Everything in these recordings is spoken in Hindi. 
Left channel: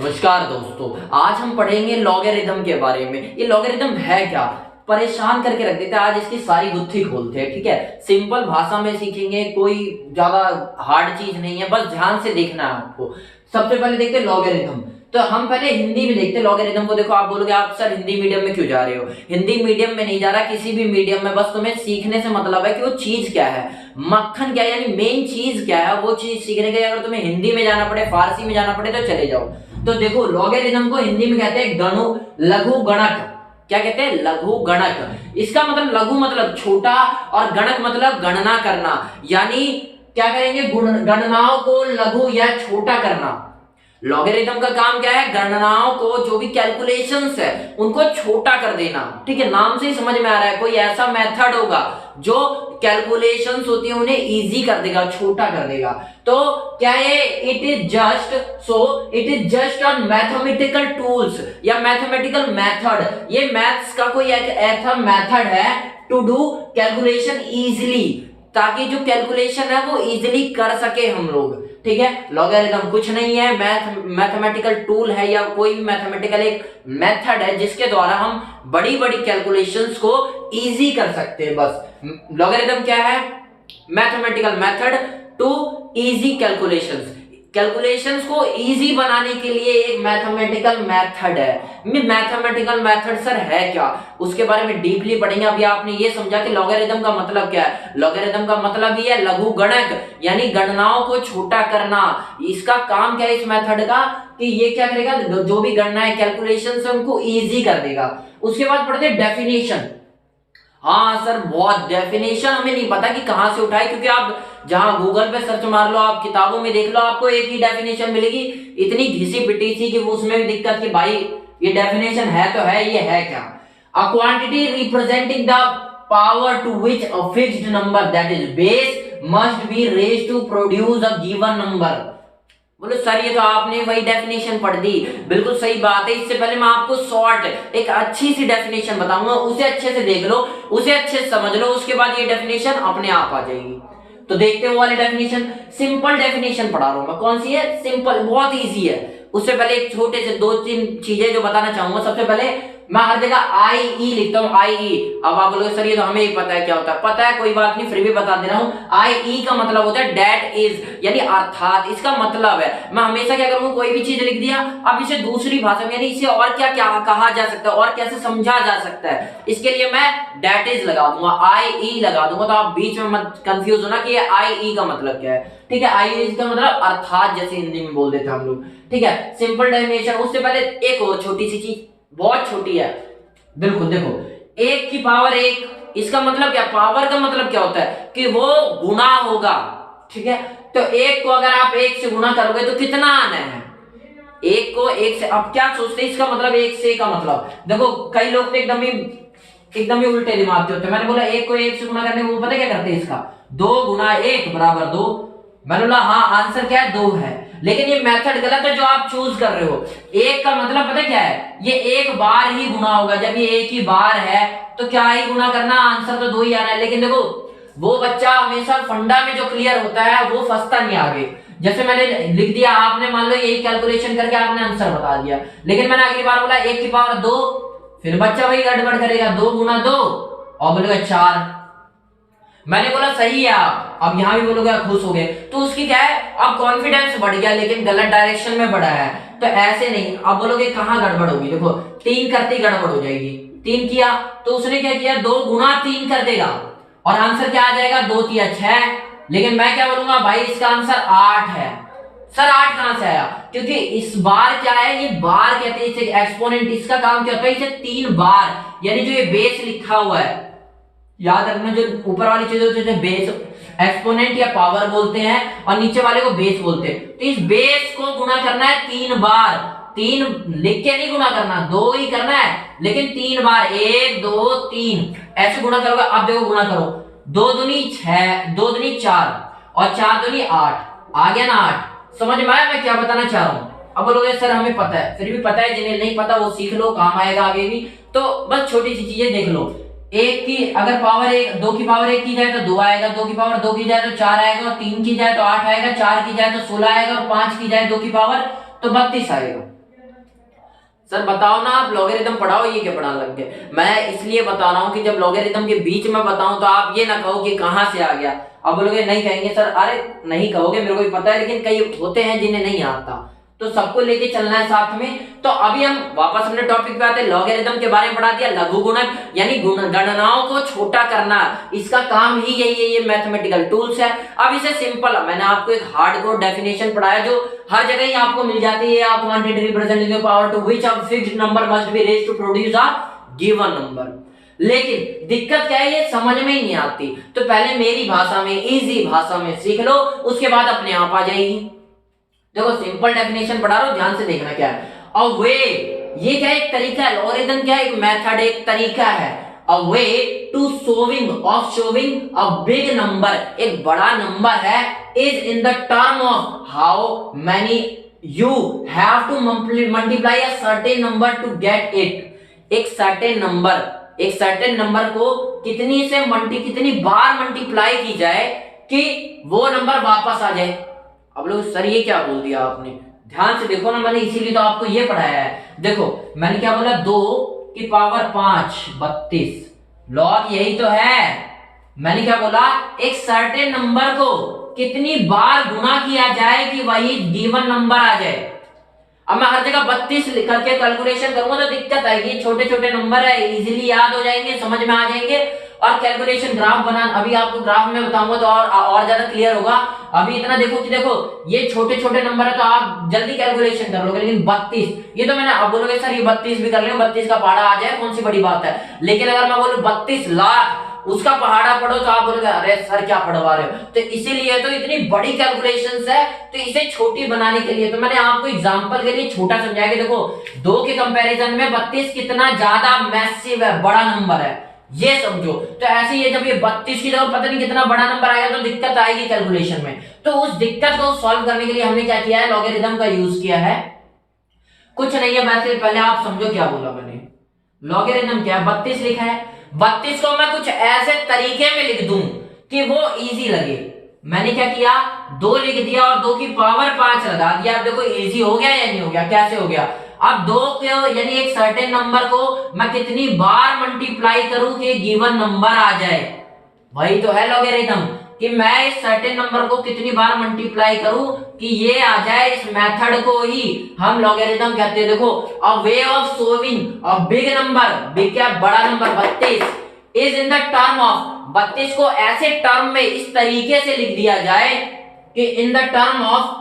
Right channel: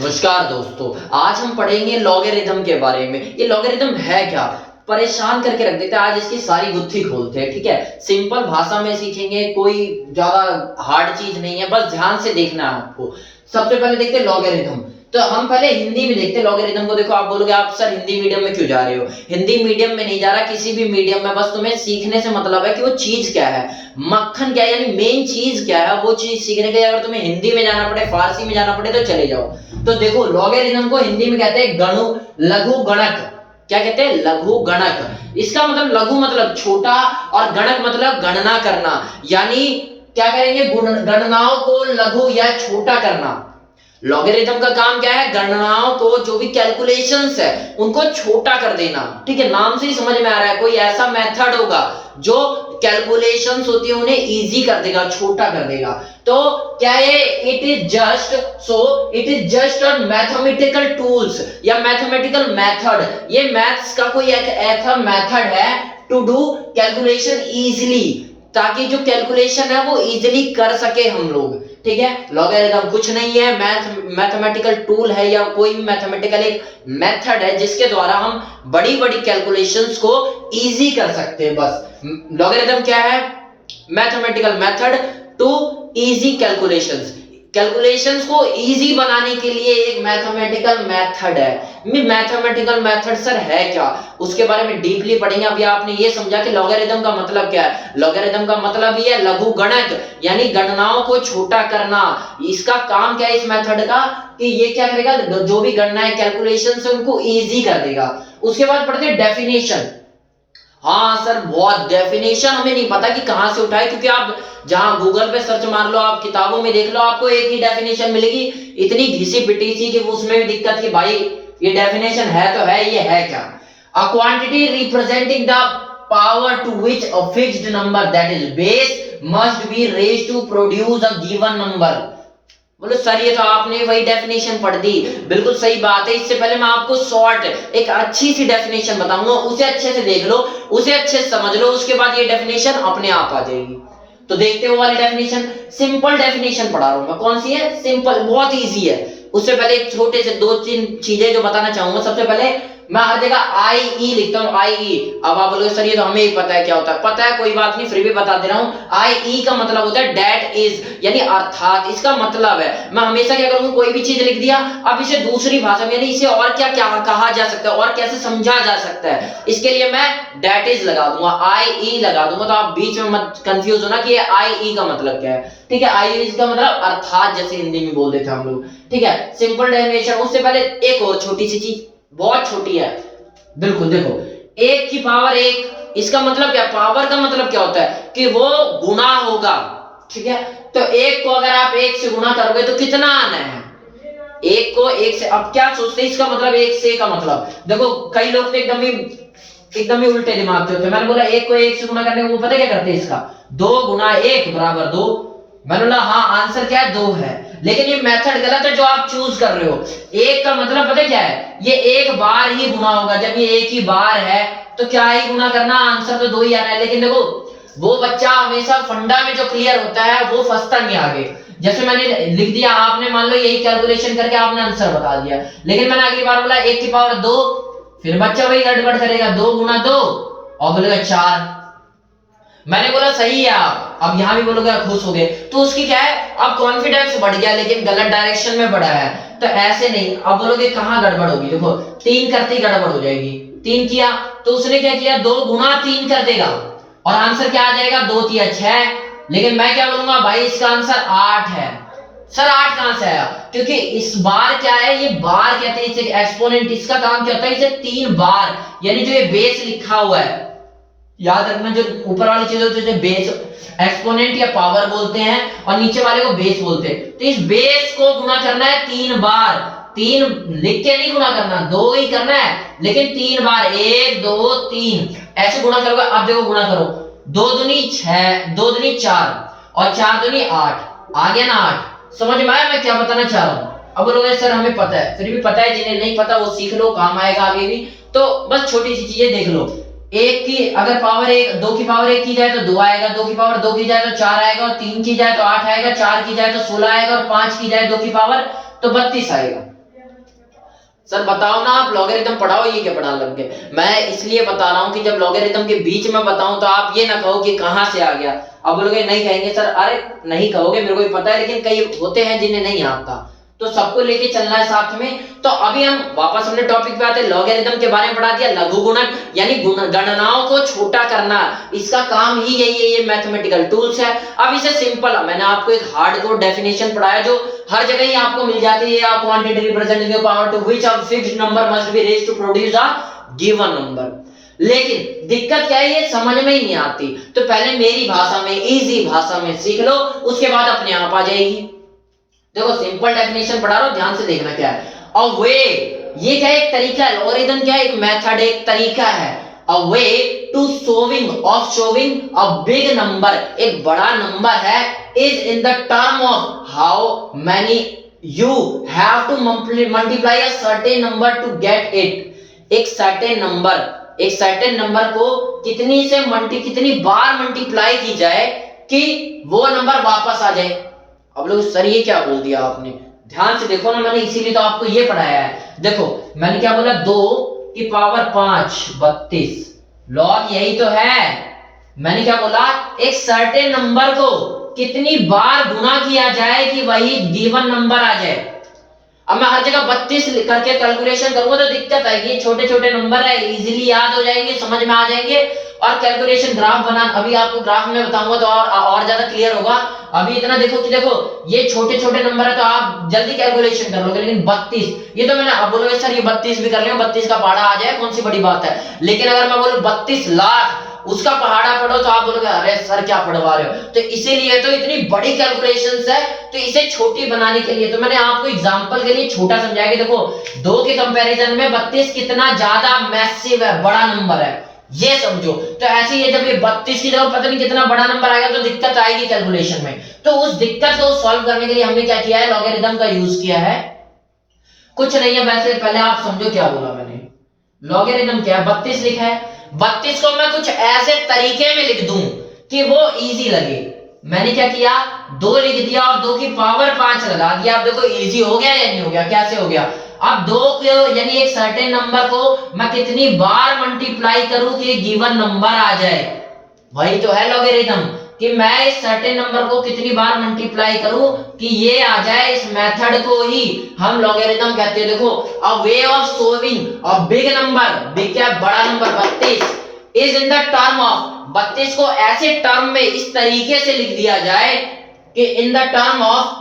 नमस्कार दोस्तों, आज हम पढ़ेंगे लॉगरिथम के बारे में। ये लॉगरिथम है क्या, परेशान करके रख देते हैं। आज इसकी सारी गुत्थी खोलते हैं, ठीक है। सिंपल भाषा में सीखेंगे, कोई ज्यादा हार्ड चीज नहीं है, बस ध्यान से देखना है आपको। सबसे पहले देखते हैं लॉगरिथम। तो हम पहले हिंदी में देखते हैं लॉगरिथम को। देखो, आप बोलोगे आप सर हिंदी मीडियम में क्यों जा रहे हो? हिंदी मीडियम में नहीं जा रहा, किसी भी मीडियम में, बस तुम्हें सीखने से मतलब है कि वो चीज क्या है, मक्खन क्या है, यानी मेन चीज क्या है, वो चीज सीखने के लिए अगर तुम्हें हिंदी में जाना पड़े, फारसी में जाना पड़े तो चले जाओ। तो देखो, लॉगरिथम को हिंदी में कहते हैं लघु गणक। क्या कहते हैं? लघु गणक। इसका मतलब लघु मतलब छोटा और गणक मतलब गणना करना, यानी क्या करेंगे, गणनाओं को लघु या छोटा करना। लॉगरिथम का काम क्या है? गणनाओं को, जो भी कैलकुलेशंस है उनको छोटा कर देना, ठीक है। नाम से ही समझ में आ रहा है, कोई ऐसा मेथड होगा जो कैलकुलेशंस होती है उन्हें इजी कर देगा, छोटा कर देगा। तो क्या है? It is just on mathematical tools या मैथमेटिकल मेथड। ये मैथ्स का कोई एक ऐसा मेथड है टू डू कैलकुलेशन इजीली, ताकि जो कैलकुलेशन है वो इजीली कर सके हम लोग, ठीक है। लॉगरिथम कुछ नहीं है, मैथमेटिकल टूल है या कोई भी मैथमेटिकल एक मेथड है जिसके द्वारा हम बड़ी बड़ी कैलकुलेशंस को इजी कर सकते हैं। बस लॉगरिथम क्या है? Mathematical method to easy calculations को इजी बनाने के लिए एक मैथमेटिकल मेथड है। मैथमेटिकल मेथड सर है क्या, उसके बारे में डीपली पढ़ेंगे। अभी आपने ये समझा कि लॉगरिथम का मतलब क्या है। लॉगरिथम का मतलब ही है लघु गणक, यानी गणनाओं को छोटा करना। इसका काम क्या है इस मेथड का, कि ये क्या करेगा, जो भी गणना है, कैलकुलेशन है, उनको इजी कर देगा। उसके बाद पढ़ते हैं डेफिनेशन। हाँ सर, बहुत डेफिनेशन हमें नहीं पता कि कहां से उठाए, क्योंकि आप जहां गूगल पे सर्च मार लो, आप किताबों में देख लो, आपको एक ही डेफिनेशन मिलेगी, इतनी घिसी पिटी सी कि उसमें भी दिक्कत कि भाई ये डेफिनेशन है तो है, ये है क्या। A quantity representing the power to which a fixed number that is base must be raised to produce a given number. बोलो सर ये तो आपने वही डेफिनेशन पढ़ दी, बिल्कुल सही बात है। इससे पहले मैं आपको शॉर्ट एक अच्छी सी डेफिनेशन बताऊंगा, उसे अच्छे से देख लो, उसे अच्छे से समझ लो, उसके बाद ये डेफिनेशन अपने आप आ जाएगी। तो देखते हो वाले डेफिनेशन, सिंपल डेफिनेशन पढ़ा रहा हूं मैं। कौन सी है? सिंपल, बहुत इजी है। उससे पहले एक छोटे से दो तीन चीजें जो बताना चाहूंगा। सबसे पहले मैं हर जगह आई ई लिखता हूं, आई ई। अब आप बोलोगे सर ये तो हमें ही पता है क्या होता है। पता है, कोई बात नहीं, फिर भी बता दे रहा हूं। आई ई का मतलब होता है डेट इज, यानी अर्थात। इसका मतलब है, मैं हमेशा क्या करूंगा, कोई भी चीज लिख दिया, अब इसे दूसरी भाषा में, यानी इसे और क्या क्या कहा जा सकता है और कैसे समझा जा सकता है, इसके लिए मैं डेट इज लगा दूंगा, आई ई लगा दूंगा। तो आप बीच में मत कंफ्यूज होना कि ये आई ई का मतलब क्या है, ठीक है। आई ई का मतलब अर्थात, जैसे हिंदी में बोल देते हम लोग, ठीक है। Simple definition. उससे पहले एक और छोटी सी चीज, बहुत छोटी है, बिल्कुल देखो, एक की पावर एक, इसका मतलब क्या? पावर का मतलब क्या होता है कि वो गुना होगा, ठीक है। तो एक को अगर आप एक से गुना करोगे तो कितना आना है? एक को एक से। अब क्या सोचते हैं इसका मतलब, एक से का मतलब, देखो कई लोग तो एकदम ही उल्टे दिमाग के होते हैं। मैंने बोला एक को एक से गुना करने को, वो पता क्या करते हैं, इसका 2 गुना 1 बराबर 2। मैंने बोला हाँ, आंसर क्या है? 2 है। लेकिन ये मेथड गलत है जो आप चूज कर रहे हो। एक का मतलब पता क्या है? ये एक बार ही गुना होगा। जब ये एक ही बार है तो क्या ही गुना करना, आंसर तो 2 ही आ रहा है। लेकिन देखो, वो बच्चा हमेशा फंडा में जो क्लियर होता है वो फंसता नहीं आगे। जैसे मैंने लिख दिया, आपने मान लो यही कैलकुलेशन करके आपने आंसर बता दिया, लेकिन मैंने अगली बार बोला 1 की पावर 2, फिर बच्चा वही गड़बड़ करेगा, 2 गुना 2 और बोलेगा 4। मैंने बोला सही है आप, अब यहां भी बोलोगे खुश हो गए, तो उसकी क्या है, अब कॉन्फिडेंस बढ़ गया, लेकिन गलत डायरेक्शन में बढ़ा है। तो ऐसे नहीं, अब बोलोगे कहां गड़बड़ होगी, देखो 3 करते ही गड़बड़ हो जाएगी। 3 किया तो उसने क्या किया, 2 गुना 3 कर देगा और आंसर क्या आ जाएगा, 2 3 6। लेकिन मैं क्या बोलूंगा, भाई इसका आंसर 8 है। सर 8 कहां से आया? क्योंकि इस बार क्या है, ये बार कहते हैं इसे, एक्सपोनेंट। इसका काम क्या होता है, इसे 3 बार, यानी जो ये बेस लिखा हुआ है, याद रखना, जो ऊपर वाली चीज होती है बेस, एक्सपोनेंट या पावर बोलते हैं, और नीचे वाले को बेस बोलते हैं। तो इस बेस को गुना करना है 3 बार। 3 लिख के नहीं गुना करना, 2 ही करना है, लेकिन 3 बार, 1 2 3 ऐसे गुना करोगे। अब देखो गुना करो, 2 दूनी 6, 2 दूनी 4 और 4 दूनी 8, आ गया ना 8। समझ में आया मैं क्या बताना चाह रहा हूं? अब बोलोगे सर हमें पता है, फिर भी पता है, जिन्हें नहीं पता वो सीख लो, काम आएगा आगे भी। तो बस छोटी सी चीजें देख लो, एक की अगर पावर एक, 2 की पावर 1 की जाए तो 2 आएगा, 2 की पावर 2 की जाए तो 4 आएगा, और 3 की जाए तो 8 आएगा, 4 की जाए तो 16 आएगा, और 5 की जाए 2 की पावर तो 32 आएगा। सर बताओ ना, आप लॉगरिथम पढ़ाओ, ये क्या पढ़ाने लग गए? मैं इसलिए बता रहा हूँ कि जब लॉगरिथम के बीच में बताऊं तो आप ये ना कहो कि कहाँ से आ गया। अब बोलोगे नहीं कहेंगे सर, अरे नहीं कहोगे, मेरे को भी पता है, लेकिन कई होते हैं जिन्हें नहीं आता, तो सबको लेके चलना है साथ में। तो अभी हम वापस अपने टॉपिक पे आते हैं। लॉगरिथम के बारे में पढ़ा दिया, लघु गुणक यानी गणनाओं को छोटा करना, इसका काम ही यही है, ये मैथमेटिकल टूल्स है। अब इसे सिंपल, मैंने आपको एक हार्डकोर डेफिनेशन पढ़ाया जो हर जगह ही आपको मिल जाती है, quantity representing the power to which a fixed number must be raised to produce a given number. लेकिन दिक्कत क्या है, ये समझ में ही नहीं आती। तो पहले मेरी भाषा में, इजी भाषा में सीख लो, उसके बाद अपने आप आ जाएगी। देखो सिंपल डेफिनेशन पढ़ा रहा हूं, ध्यान से देखना क्या है। अ वे, ये क्या एक तरीका है, लॉगरिथम क्या है, एक मेथड, एक तरीका है। A way to showing a big number, एक बड़ा नंबर है, is in the term of how many you have to multiply a certain number to get it. एक सर्टेन नंबर को कितनी बार मल्टीप्लाई की जाए कि वो नंबर वापस आ जाए। अब लोग सर ये क्या बोल दिया आपने, ध्यान से देखो ना, मैंने इसीलिए तो आपको ये पढ़ाया है। देखो मैंने क्या बोला, 2 की पावर 5 32, लॉग यही तो है। मैंने क्या बोला, एक सर्टेन नंबर को कितनी बार गुना किया जाए कि वही गिवन नंबर आ जाए। अब मैं हर जगह 32 करके कैलकुलेशन करूंगा तो दिक्कत आएगी, छोटे छोटे नंबर है, इजीली याद हो जाएंगे, समझ में आ जाएंगे। और कैलकुलेशन ग्राफ बनाना, अभी आपको ग्राफ में बताऊंगा तो और ज्यादा क्लियर होगा। अभी इतना देखो कि देखो ये छोटे छोटे नंबर है तो आप जल्दी कैलकुलेशन कर लोगे, लेकिन 32 ये तो मैंने, अब बोलोगे सर ये 32 भी कर लिया, 32 का पहाड़ा आ जाए, कौन सी बड़ी बात है। लेकिन अगर मैं बोलूं 32 लाख उसका पहाड़ा पढ़ो तो आप बोलोगे अरे सर क्या पढ़वा रहे हो। तो इसीलिए तो इतनी बड़ी कैलकुलेशंस है, तो इसे छोटी बनाने के लिए तो मैंने आपको एग्जांपल के लिए छोटा समझाया कि देखो 2 के कंपैरिजन में 32 कितना ज्यादा मैसिव है, बड़ा नंबर है, ये समझो। तो ऐसे ही जब ये 32 की जगह पता नहीं कितना बड़ा नंबर आएगा तो दिक्कत आएगी कैलकुलेशन में। तो उस दिक्कत को सॉल्व करने के लिए हमने क्या किया है, लॉगरिथम का यूज किया है। कुछ नहीं है, वैसे पहले आप समझो क्या बोला मैंने। लॉगरिथम क्या है, 32 लिखा है, 32 को मैं कुछ ऐसे तरीके में लिख दूं कि वो इजी लगे। मैंने क्या किया, 2 लिख दिया और 2 की पावर 5 लगा दिया। आप देखो इजी हो गया या नहीं हो गया, कैसे हो गया। अब 2 को यानी एक सर्टेन नंबर को मैं कितनी बार मल्टीप्लाई करूं कि गिवन नंबर आ जाए, वही तो है लॉगरिथम, कि मैं इस सर्टेन नंबर को कितनी बार मल्टीप्लाई करूं कि ये आ जाए। इस मेथड को ही हम लॉगरिथम कहते हैं। देखो a way of showing a big number, big क्या बड़ा नंबर 32, is in the term of, 32 को ऐसे टर्म में इस तरीके से लिख दिया जाए कि इन the term of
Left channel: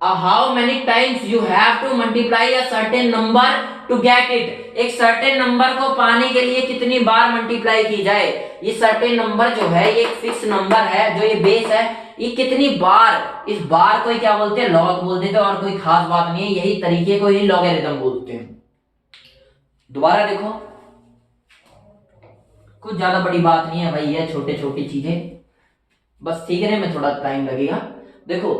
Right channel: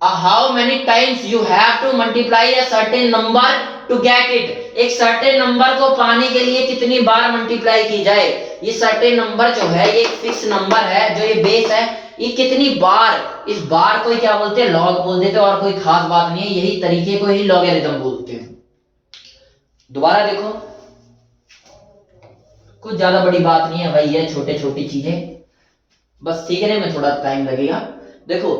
how many times you have to multiply a certain number to get it। एक सर्टेन नंबर को पाने के लिए कितनी बार मल्टीप्लाई की जाए। ये सर्टेन नंबर जो है ये एक फिक्स नंबर है, जो ये बेस है, ये कितनी बार, इस बार को क्या बोलते हैं, लॉग बोल देते हैं, और कोई खास बात नहीं है, यही तरीके को ही लॉगरिथम बोलते हैं। दोबारा देखो, कुछ ज्यादा बड़ी बात नहीं है भाई, ये छोटे छोटी चीजें बस सीखने में थोड़ा टाइम लगेगा। देखो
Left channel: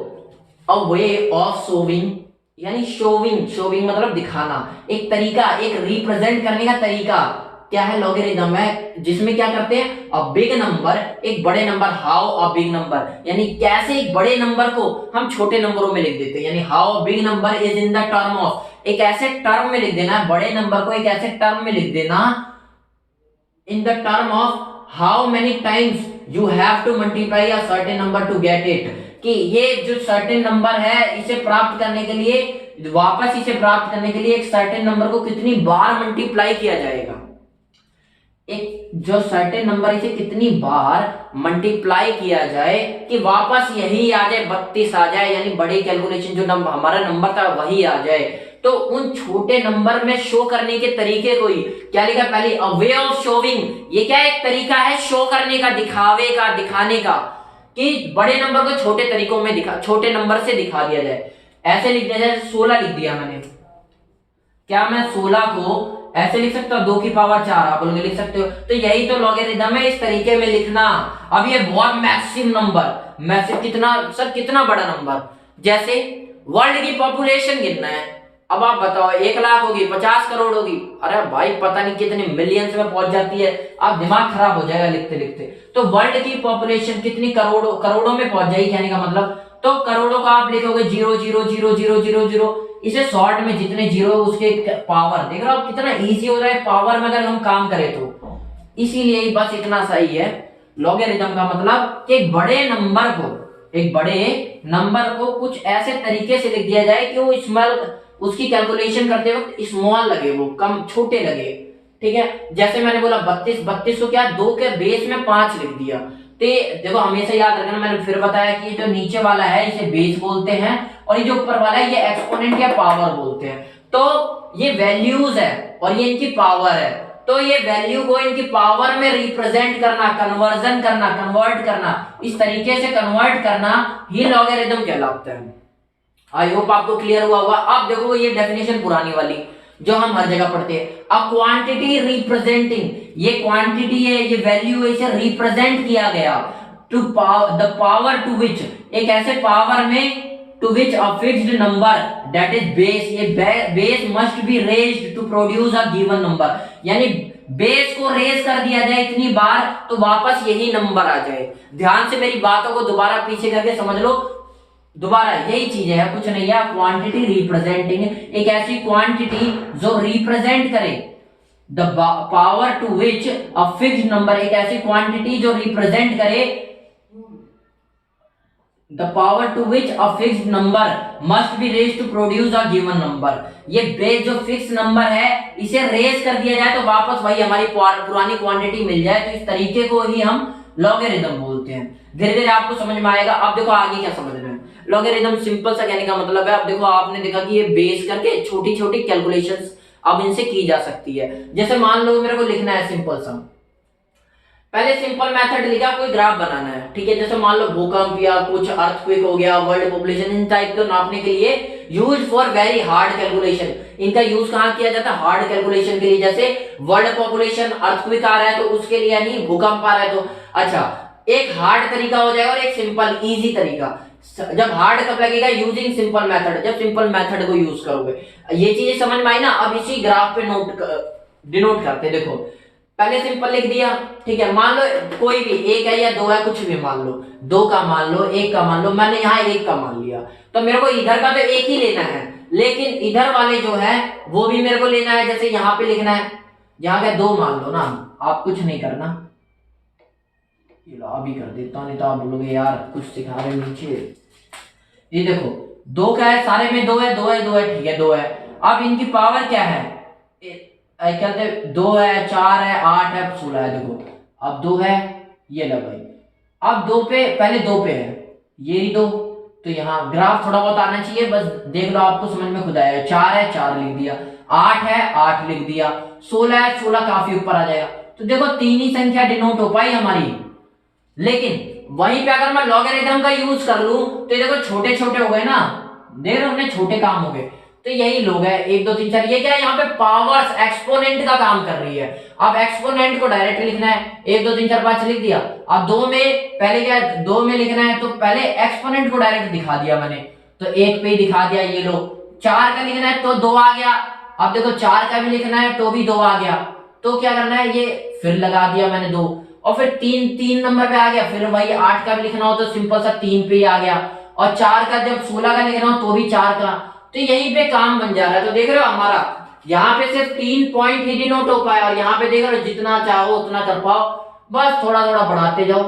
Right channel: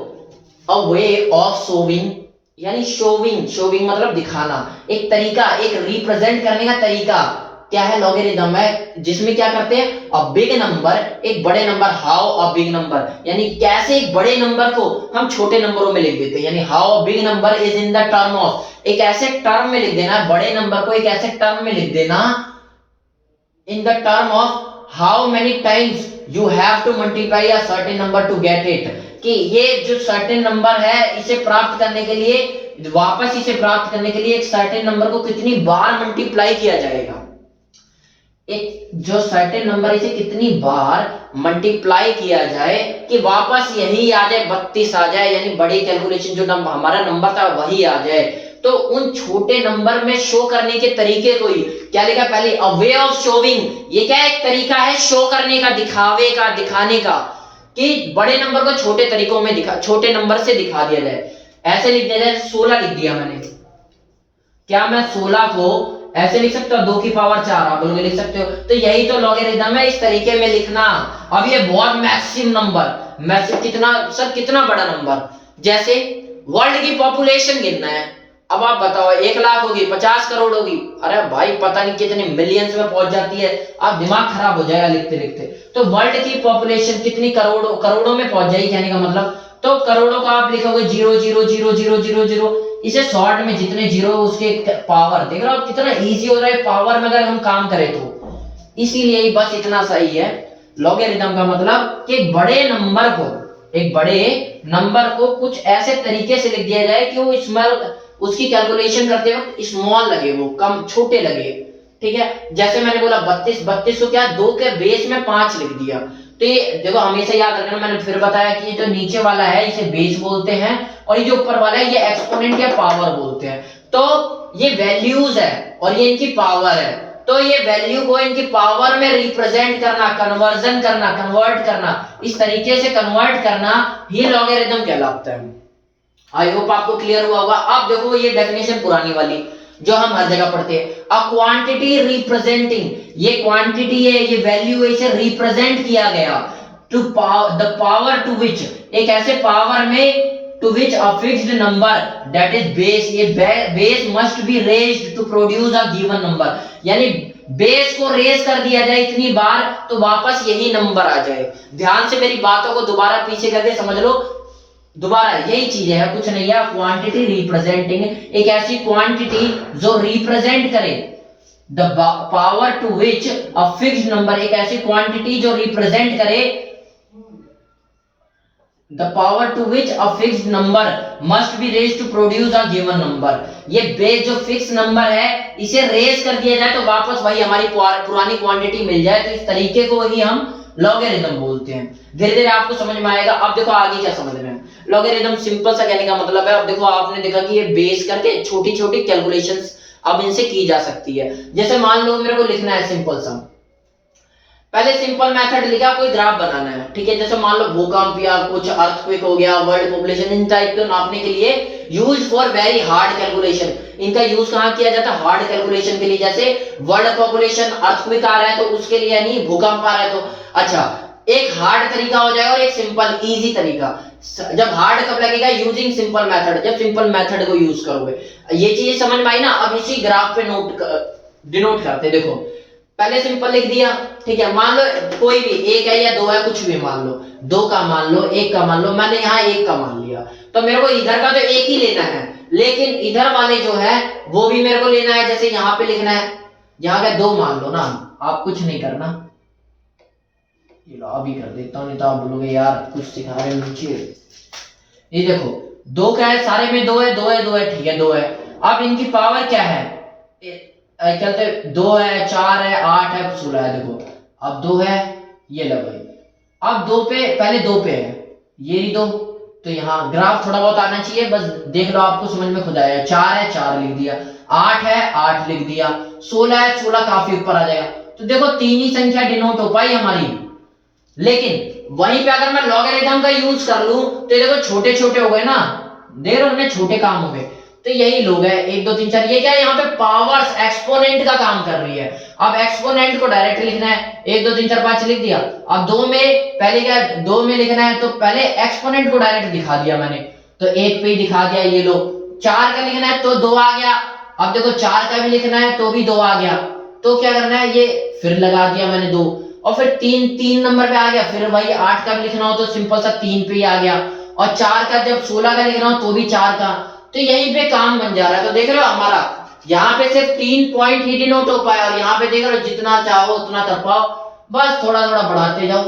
अ वे ऑफ शोविंग, यानी शोविंग मतलब दिखाना, एक तरीका, एक रिप्रेजेंट करने का तरीका क्या है, लॉगरिथम है, जिसमें क्या करते हैं, अ बिग नंबर, एक बड़े number, how a big number, यानी कैसे एक बड़े नंबर को हम छोटे नंबरों में लिख देते हैं। यानी how a big number is in the term of, एक ऐसे टर्म में लिख देना, बड़े नंबर को एक ऐसे टर्म में लिख देना, in the term of how many times you have to multiply a certain number to get it, कि ये जो सर्टेन नंबर है इसे प्राप्त करने के लिए, वापस इसे प्राप्त करने के लिए एक सर्टेन नंबर को कितनी बार मल्टीप्लाई किया जाएगा। एक जो सर्टेन नंबर इसे कितनी बार मल्टीप्लाई किया जाए कि वापस यही आ जाए, 32 आ जाए, यानी बड़ी कैलकुलेशन जो नंबर हमारा नंबर था वही आ जाए। तो उन छोटे नंबर में शो करने के तरीके को ही क्या लिखा पहले, अ वे ऑफ शोविंग, ये क्या एक तरीका है शो करने का, दिखावे का, दिखाने का, कि बड़े नंबर को छोटे तरीकों में छोटे नंबर से दिखा दिया जाए। ऐसे लिख दिया जाए, 16 लिख दिया मैंने, क्या मैं 16 को ऐसे लिख सकता हूं, 2 की पावर 4, आप बोलोगे लिख सकते हो, तो यही तो लॉगरिथम है, इस तरीके में लिखना। अब ये बहुत मैसिव नंबर, मैसिव कितना सर, कितना बड़ा नंबर, जैसे वर्ल्ड की पॉपुलेशन गिनना है। अब आप बताओ 1 लाख होगी, 50 करोड़ होगी, अरे भाई पता नहीं कितने मिलियंस में पहुंच जाती है, आप दिमाग खराब हो जाएगा लिखते लिखते। तो वर्ल्ड की पॉपुलेशन कितनी करोड़ों में पहुंच जाएगी, कहने का मतलब, तो करोड़ों का आप लिखोगे 0 0 0 0 0 0, इसे शॉर्ट में जितने जीरो उसके पावर, देख रहे हो कितना इजी हो रहा है पावर में अगर हम काम करें तो। इसीलिए ही बस इतना सही है लॉगरिथम का मतलब कि एक बड़े नंबर को कुछ ऐसे तरीके से लिख दिया जाए कि वो स्मॉल, उसकी कैलकुलेशन करते वक्त स्मॉल लगे, वो कम छोटे लगे, ठीक है। जैसे मैंने बोला 32 को क्या 2 के बेस में 5 लिख दिया, तो ये देखो हमेशा याद रखना, मैंने फिर बताया कि जो नीचे वाला है इसे बेस बोलते हैं और ये जो ऊपर वाला है ये एक्सपोनेंट या पावर बोलते हैं। तो ये वैल्यूज है और ये इनकी पावर है, तो ये वैल्यू को इनकी पावर में रिप्रेजेंट करना, कन्वर्ट करना, इस तरीके से कन्वर्ट करना ही लॉगरिथम कहलाता है। आई होप आपको क्लियर हुआ होगा। अब देखो ये डेफिनेशन पुरानी वाली जो हम हर जगह पढ़ते हैं, अ क्वांटिटी रिप्रेजेंटिंग, ये क्वांटिटी है, ये वैल्यू है, इसे रिप्रेजेंट किया गया टू द पावर टू विच, एक ऐसे पावर में to which a fixed number that is base, ये base must be raised to produce a given number, यानी बेस को रेज कर दिया जाए इतनी बार तो वापस यही नंबर आ जाए। ध्यान से मेरी बातों को दोबारा पीछे करके समझ लो, दोबारा यही चीज है, कुछ नहीं है। क्वांटिटी रिप्रेजेंटिंग, एक ऐसी क्वांटिटी जो रिप्रेजेंट करे the power to which a fixed number, एक ऐसी क्वांटिटी जो रिप्रेजेंट करे the power to which a fixed number must be raised to produce a given number, ये बेस जो फिक्स नंबर है इसे रेज कर दिया जाए तो वापस वही हमारी पुरानी क्वांटिटी मिल जाए, तो इस तरीके को ही हम लॉगरिथम बोलते हैं। धीरे धीरे आपको समझ में आएगा। अब देखो आगे क्या समझ रहे हैं। लॉगरिथम सिंपल सा कहने का मतलब है, अब देखो आपने देखा कि ये बेस करके छोटी छोटी कैलकुलेशंस अब इनसे की जा सकती है। जैसे मान लो मेरे को लिखना है सिंपल सा, पहले सिंपल मेथड लिखा, कोई ग्राफ बनाना है, ठीक है। जैसे मान लो भूकंप या कुछ अर्थक्वेक हो गया, वर्ल्ड पॉपुलेशन, इन टाइप को नापने के लिए use for very hard calculation, इनका यूज कहां किया जाता है, हार्ड कैलकुलेशन के लिए। जैसे वर्ल्ड पॉपुलेशन, अर्थक्वेक आ रहा है तो उसके लिए, यानी भूकंप आ रहा है तो अच्छा, एक हार्ड तरीका हो जाएगा और एक सिंपल इजी तरीका। जब हार्ड कब लगेगा, यूजिंग सिंपल मेथड, जब सिंपल मेथड को यूज करोगे। ये चीजें समझ में आई ना। अब इसी ग्राफ पे डिनोट करते, देखो पहले सिंपल लिख दिया, ठीक है। मान लो कोई भी एक है या दो है, कुछ भी मान लो, दो का मान लो, एक का मान लो, मैंने यहाँ एक का मान लिया, तो मेरे को इधर का तो एक ही लेना है, लेकिन इधर वाले जो है वो भी मेरे को लेना है। जैसे यहाँ पे लिखना है, यहाँ क्या दो मान लो ना, आप कुछ नहीं करना, ये लो अभी कर देता हूँ, नहीं तो आप बोलोगे यार कुछ सिखा रहे नीचे। ये देखो दो क्या है, सारे में दो है, ठीक है, दो है। अब इनकी पावर क्या है, क्या कहते हैं, 2 है, 4 है, 8 है, 16 है। देखो अब 2 है, ये लो भाई, अब 2 पे, पहले 2 पे है, ये भी 2, तो यहाँ ग्राफ थोड़ा बहुत आना चाहिए, बस देख लो आपको समझ में खुद आएगा। 4 है, 4 लिख दिया, 8 है, 8 लिख दिया, 16 है, 16 काफी ऊपर आ जाएगा। तो देखो 3 ही संख्या डिनोट हो पाई हमारी। लेकिन वहीं पे अगर मैं लॉगरिथम का यूज कर लूं तो ये देखो छोटे छोटे हो गए ना, देख रहे हो ना, छोटे काम हो गए। तो यही लोग है 1 2 3 4, ये क्या है, यहाँ पे पावर्स एक्सपोनेंट का काम कर रही है। अब एक्सपोनेंट को डायरेक्ट लिखना है, 1 2 3 4 5 लिख दिया। अब 2 में पहले क्या, 2 में लिखना है तो पहले एक्सपोनेंट को डायरेक्ट दिखा दिया मैंने, तो 1 पे ही दिखा दिया, ये लो। 4 का लिखना है तो 2 आ गया। अब देखो 4 का भी लिखना है तो भी 2 आ गया, तो क्या करना है, ये फिर लगा दिया मैंने 2, और फिर 3 नंबर पे आ गया। फिर वही 8 का भी लिखना हो तो सिंपल सा 3 पे ही आ गया, और 4 का जब 16 का लिखना हो तो भी 4 का, तो यहीं पे काम बन जा रहा है। तो देख रहे हो हमारा यहाँ पे सिर्फ 3 पॉइंट ही डिनोट हो पाया, और यहाँ पे देख रहे हो जितना चाहो उतना कर पाओ, बस थोड़ा थोड़ा बढ़ाते जाओ।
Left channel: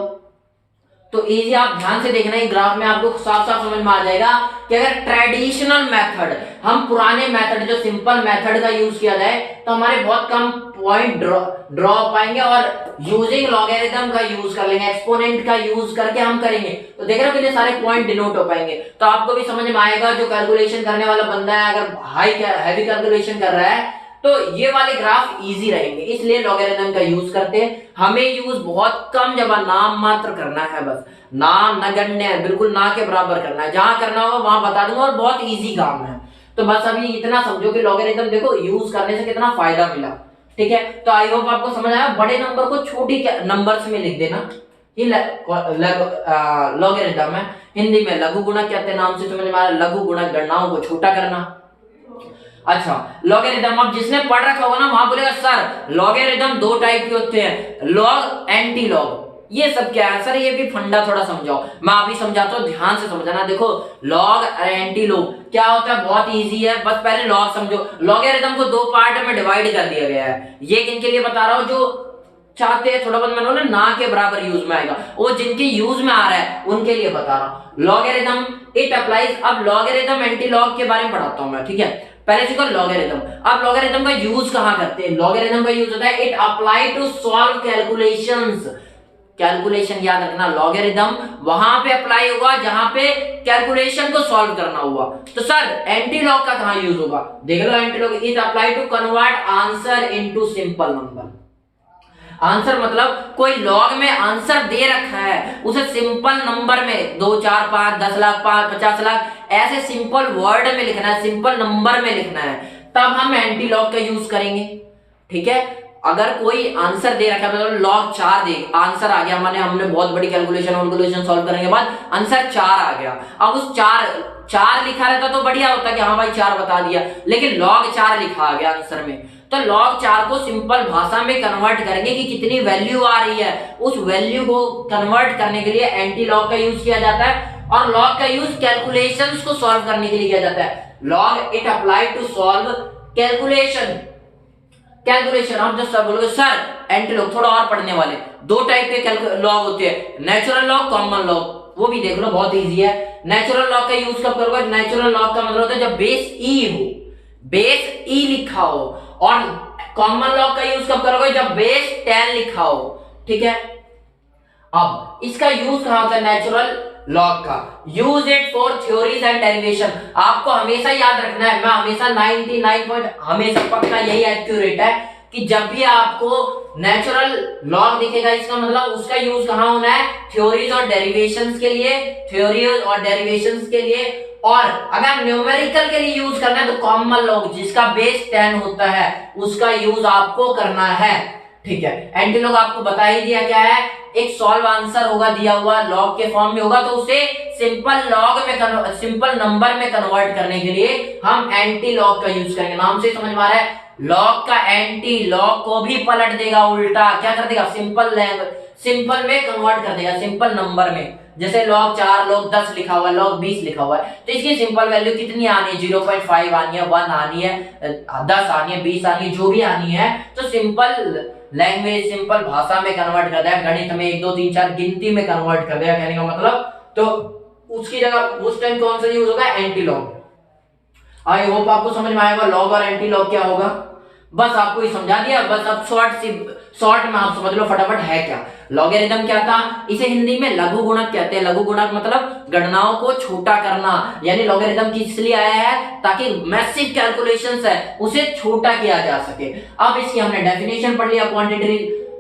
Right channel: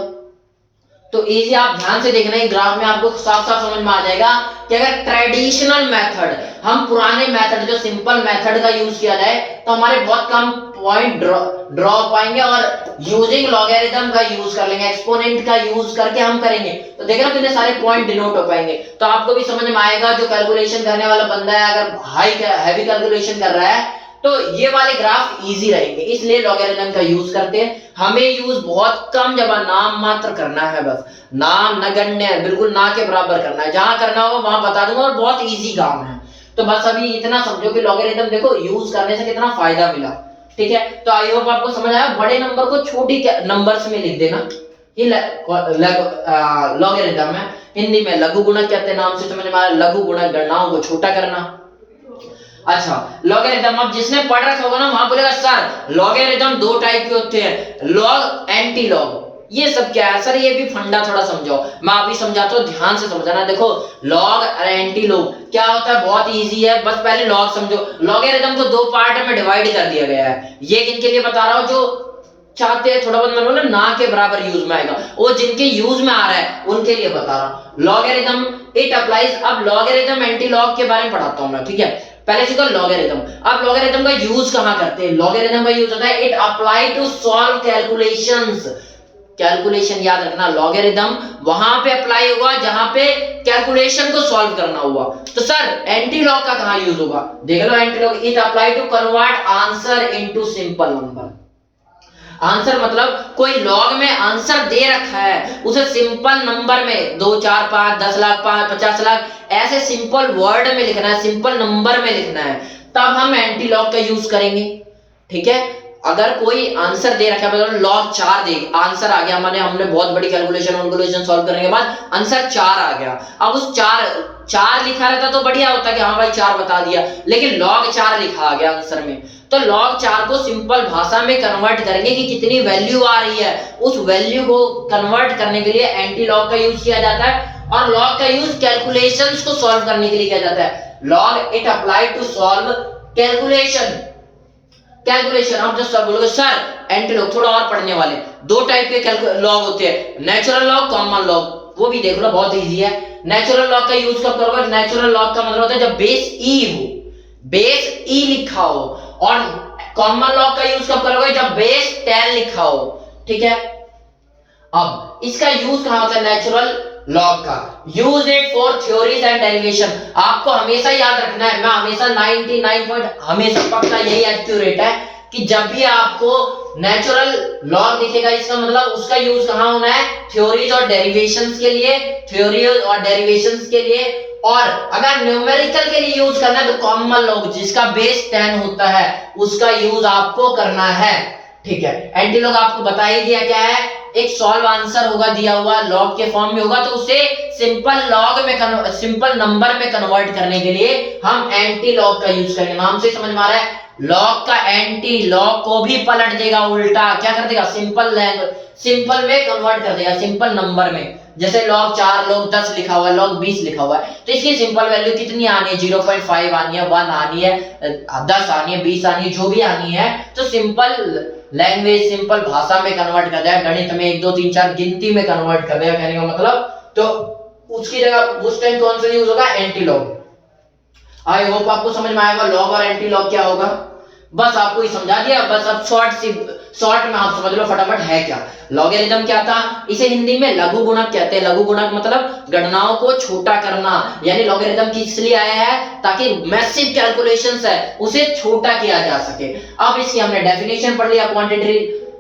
तो इजी, आप ध्यान से देखना, है ग्राफ में आपको साफ साफ समझ में आ जाएगा कि अगर ट्रेडिशनल मेथड, हम पुराने मेथड जो सिंपल मेथड का यूज किया जाए तो हमारे बहुत कम पॉइंट ड्रॉ पाएंगे, और यूजिंग लॉगरिथम का यूज कर लेंगे, एक्सपोनेंट का यूज करके हम करेंगे तो देख रहे हो कितने सारे पॉइंट डिनोट हो पाएंगे। तो आपको भी समझ में आएगा, जो कैलकुलेशन करने वाला बंदा है अगर हैवी कैलकुलेशन कर रहा है तो ये वाले ग्राफ इजी रहेंगे, इसलिए लॉगरिथम का यूज करते हैं। हमें यूज बहुत कम जगह नाम मात्र करना है, बस नाम नगण्य, बिल्कुल ना के बराबर करना है, जहां करना हो वहां बता दूंगा, और बहुत इजी काम है। तो बस अभी इतना समझो कि लॉगरिथम देखो यूज करने से कितना फायदा मिला, ठीक है। तो आई होप आपको समझ आया। बड़े नंबर को छोटी नंबर्स में लिख देना, ये लॉगरिथम है, हिंदी में लघु गुणक कहते हैं, नाम से समझ में आया, लघु गुणक गणनाओं को छोटा करना। अच्छा, लॉगरिथम, अब जिसने पढ़ रखा होगा ना वहां बोलेगा सर लॉगरिथम 2 टाइप के होते हैं, लॉग एंटी लॉग। ये सब क्या है सर, ये भी फंडा थोड़ा समझाओ। मैं अभी समझाता हूँ, ध्यान से समझना। देखो लॉग और एंटी लॉग क्या होता है, बहुत इजी है, बस पहले लॉग समझो। लॉगरिथम को दो पार्ट में डिवाइड कर दिया गया है। ये किनके लिए बता रहा हूँ, जो चाहते हैं थोड़ा बहुत मैंने ना के बराबर यूज में आएगा, वो जिनके यूज में आ रहा है उनके लिए बता रहा हूं। Logarithm it applies. अब लॉगरिथम एंटी लॉग के बारे में पढ़ाता हूं मैं, ठीक है। पहले सीखो लॉगरिथम। अब लॉगरिथम का यूज कहां करते हैं, लॉगरिथम का यूज होता है it apply to solve calculations. Calculation याद रखना, लॉगरिथम वहां पे अप्लाई होगा जहां पे कैलकुलेशन को सॉल्व करना हुआ। तो सर एंटी लॉग का कहां यूज होगा, देख लो। Anti log it apply to convert answer into simple number. Answer मतलब कोई लॉग में आंसर दे रखा है, उसे सिंपल नंबर में 2 4 5 10 लाख 50 लाख ऐसे सिंपल वर्ड में लिखना है, सिंपल नंबर में लिखना है, तब हम एंटी लॉग का यूज करेंगे, ठीक है। अगर कोई आंसर दे रखा है, मतलब लॉग 4 दे, आंसर आ गया हमारे, हमने बहुत बड़ी कैलकुलेशन सॉल्व करने के बाद आंसर 4 आ गया। अब उस 4 लिखा रहता तो बढ़िया होता कि हाँ भाई 4 बता दिया, लेकिन लॉग 4 लिखा आ गया आंसर में। तो log 4 को सिंपल भाषा में कन्वर्ट करेंगे कि कितनी वैल्यू आ रही है, उस वैल्यू को कन्वर्ट करने के लिए एंटी लॉग का यूज किया जाता है। और लॉग का यूज कैलकुलेशंस को सॉल्व करने के लिए किया जाता है। Log it apply to solve calculation. आप जब सब बोलोगे सर एंटी लॉग, थोड़ा और पढ़ने वाले, दो टाइप के लॉग होते हैं, नेचुरल लॉग, कॉमन लॉग। वो भी देख लो, बहुत इजी है। नेचुरल लॉग का यूज कब करोगे, नेचुरल लॉग का मतलब होता है जब बेस ई हो, बेस ई लिखा हो। और कॉमन लॉग का यूज कब करोगे, जब बेस 10 लिखा हो, ठीक है। अब इसका यूज कहां होता है, नेचुरल लॉग का use it for theories and derivation. आपको हमेशा याद रखना है, मैं हमेशा 99 हमेशा पक्का यही एक्यूरेट है कि जब भी आपको नेचुरल लॉग दिखेगा, इसका मतलब उसका यूज कहां होना है, थ्योरीज और डेरिवेशंस के लिए, थ्योरीज और डेरिवेशंस के लिए। और अगर न्यूमेरिकल के लिए यूज करना है तो कॉमन लॉग जिसका बेस 10 होता है उसका यूज आपको करना है, ठीक है। एंटी लॉग आपको बता ही दिया क्या है, एक सॉल्व आंसर होगा दिया हुआ, लॉग के फॉर्म में होगा, तो उसे सिंपल लॉग में सिंपल नंबर में कन्वर्ट करने के लिए हम एंटी लॉग का यूज करेंगे। नाम से समझ में आ रहा है, लॉग का एंटी लॉग को भी पलट देगा, उल्टा क्या कर देगा, सिंपल में कन्वर्ट कर देगा, सिंपल नंबर में। जैसे log 4 log 10 लिखा हुआ है, log 20 लिखा हुआ है, तो इसकी सिंपल वैल्यू कितनी आनी है, 0.5 आनी है, 1 आनी है, 10 आनी है, 20 आनी है, जो भी आनी है, तो सिंपल लैंग्वेज, सिंपल भाषा में कन्वर्ट कर दिया, गणित में 1 2 3 4 गिनती में कन्वर्ट कर दिया, कहने का मतलब। तो उसकी जगह उस टाइम कौन सा यूज होगा, एंटी लॉग। आई होप आपको समझ में आएगा लॉग और एंटी लॉग क्या होगा, बस आपको ही समझा दिया। बस अब शॉर्ट में आप समझ लो फटाफट है क्या। लॉगरिथम क्या था, इसे हिंदी में लघु गुणक कहते हैं। लघु गुणक मतलब गणनाओं को छोटा करना, यानी लॉगरिथम किस लिए आया है, ताकि मैसिव कैलकुलेशंस है उसे छोटा किया जा सके। अब इसकी हमने डेफिनेशन पढ़ लिया,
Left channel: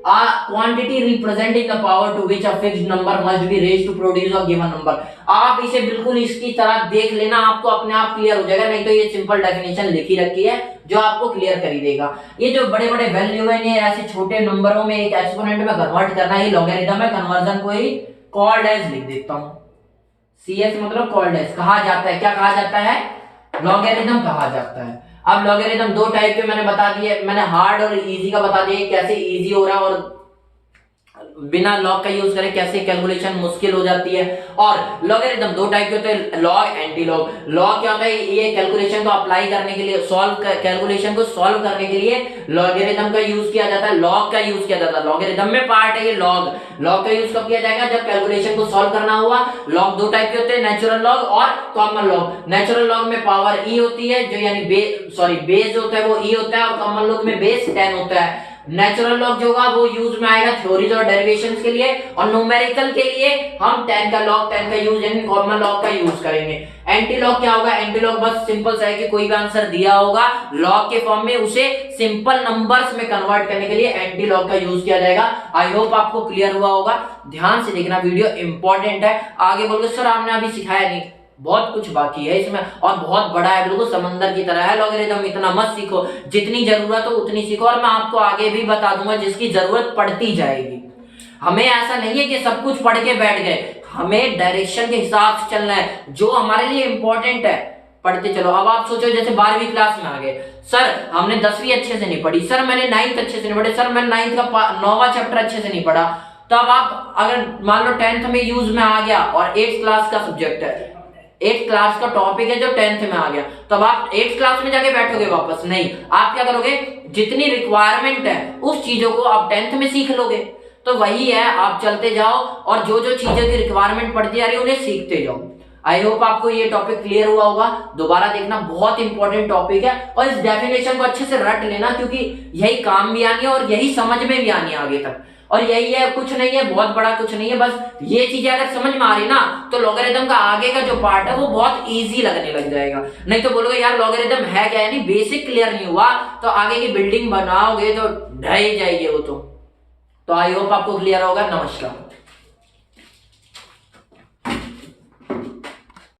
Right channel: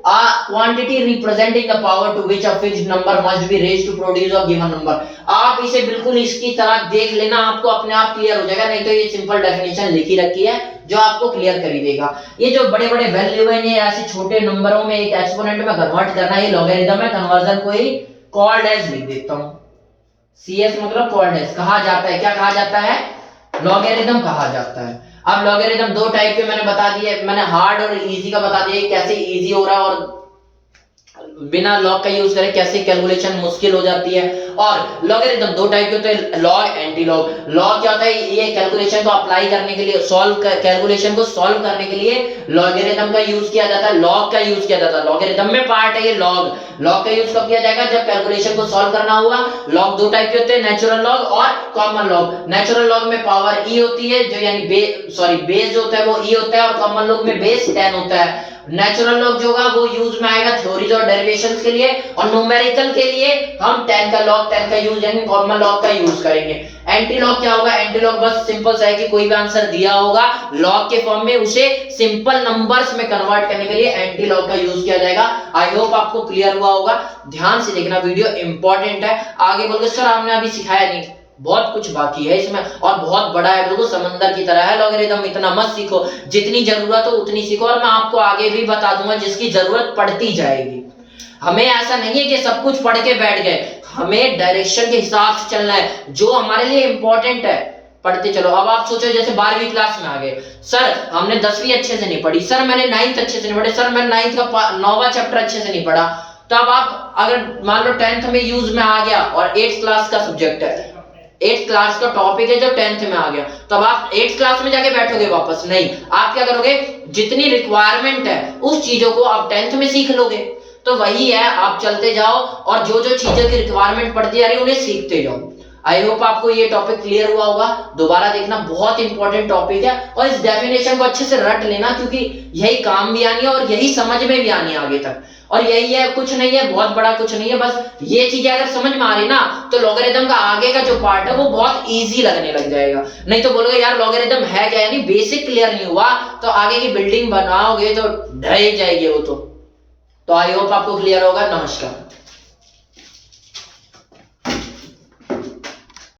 quantity representing the power to which a fixed number must be raised to produce a given number। आप इसे बिल्कुल इसकी तरह देख लेना, आपको अपने आप क्लियर हो जाएगा, नहीं तो ये सिंपल डेफिनेशन लिखी रखी है जो आपको क्लियर कर ही देगा। ये जो बड़े बड़े वैल्यू है, ये ऐसे छोटे नंबरों में एक एक्सपोनेंट में कन्वर्ट करना, ये लॉगरिथम है। कन्वर्जन को ही कॉल्ड एज लिख देता हूं, CS मतलब कॉल्ड एज कहा जाता है। क्या कहा जाता है, लॉगरिथम कहा जाता है। अब लॉगरिथम दो टाइप के मैंने बता दिए, मैंने हार्ड और इजी का बता दिया कैसे इजी हो रहा है और बिना लॉग का यूज करें कैसे कैलकुलेशन मुश्किल हो जाती है। और लॉगरिथम दो टाइप के होते हैं, लॉग एंटी लॉग। लॉग क्या होता है, ये कैलकुलेशन को अप्लाई करने के लिए, कैलकुलेशन को सॉल्व करने के लिए लॉगरिथम का यूज किया जाता है, लॉग का यूज किया जाता है। लॉगरिथम में पार्ट है ये लॉग का यूज कब किया जाएगा, जब कैलकुलेशन को सॉल्व करना हुआ। लॉग दो टाइप के होते हैं, नेचुरल लॉग और कॉमन लॉग। नेचुरल लॉग में पावर ई होती है, जो यानी बेस जो होता है वो ई होता है, और कॉमन लॉग में बेस 10 होता है। नेचुरल लॉग जो होगा वो यूज में आएगा थ्योरीज और डेरिवेशंस के लिए, और न्यूमेरिकल के लिए हम 10 का यूज यानी कॉमन लॉग का यूज करेंगे। एंटी लॉग क्या होगा, एंटी लॉग बस सिंपल सा है कि कोई भी आंसर दिया होगा लॉग के फॉर्म में, उसे सिंपल नंबर्स में कन्वर्ट करने के लिए एंटी लॉग का यूज किया जाएगा। आई होप आपको क्लियर हुआ होगा। ध्यान से देखना, वीडियो इंपॉर्टेंट है। आगे बोलोगे सर आपने अभी सिखाया नहीं, बहुत कुछ बाकी है इसमें और बहुत बड़ा है, बिल्कुल समंदर की तरह है लॉगरिथम। इतना मत सीखो, जितनी जरूरत हो उतनी सीखो, और मैं आपको आगे भी बता दूंगा जिसकी जरूरत पड़ती जाएगी। हमें ऐसा नहीं है कि सब कुछ पढ़ के बैठ गए, हमें डायरेक्शन के हिसाब से चलना है, जो हमारे लिए इंपॉर्टेंट है पढ़ते चलो। अब आप सोचो जैसे 12वीं क्लास में आ गए, सर हमने 10वीं अच्छे से नहीं पढ़ी, सर मैंने 9th अच्छे से नहीं पढ़ी, सर मैंने 9th का 9वां चैप्टर अच्छे से नहीं पढ़ा, तब आप अगर मान लो 10th में यूज में आ गया और 8th क्लास का सब्जेक्ट है, 8th क्लास का टॉपिक है जो 10th में आ गया, तब आप 8th क्लास में जाके बैठोगे वापस? नहीं, आप क्या करोगे, जितनी रिक्वायरमेंट है उस चीजों को आप 10th में सीख लोगे। तो वही है, आप चलते जाओ और जो जो चीजों की रिक्वायरमेंट पड़ती जा रही है उन्हें सीखते जाओ। आई होप आपको ये टॉपिक क्लियर हुआ होगा। दोबारा देखना, बहुत इंपॉर्टेंट टॉपिक है और इस डेफिनेशन को अच्छे से रट लेना, क्योंकि यही काम भी आनी है और यही समझ में भी आनी है आगे तक। और यही है, कुछ नहीं है, बहुत बड़ा कुछ नहीं है, बस ये चीजें अगर समझ में आ रही ना तो लॉगरिथम का आगे का जो पार्ट है वो बहुत इजी लगने लग जाएगा। नहीं तो बोलोगे यार लॉगरिथम है क्या, यानी बेसिक क्लियर नहीं हुआ तो आगे की बिल्डिंग बनाओगे तो ढह जाएगी वो तो। आई होप आपको क्लियर होगा। नमस्कार।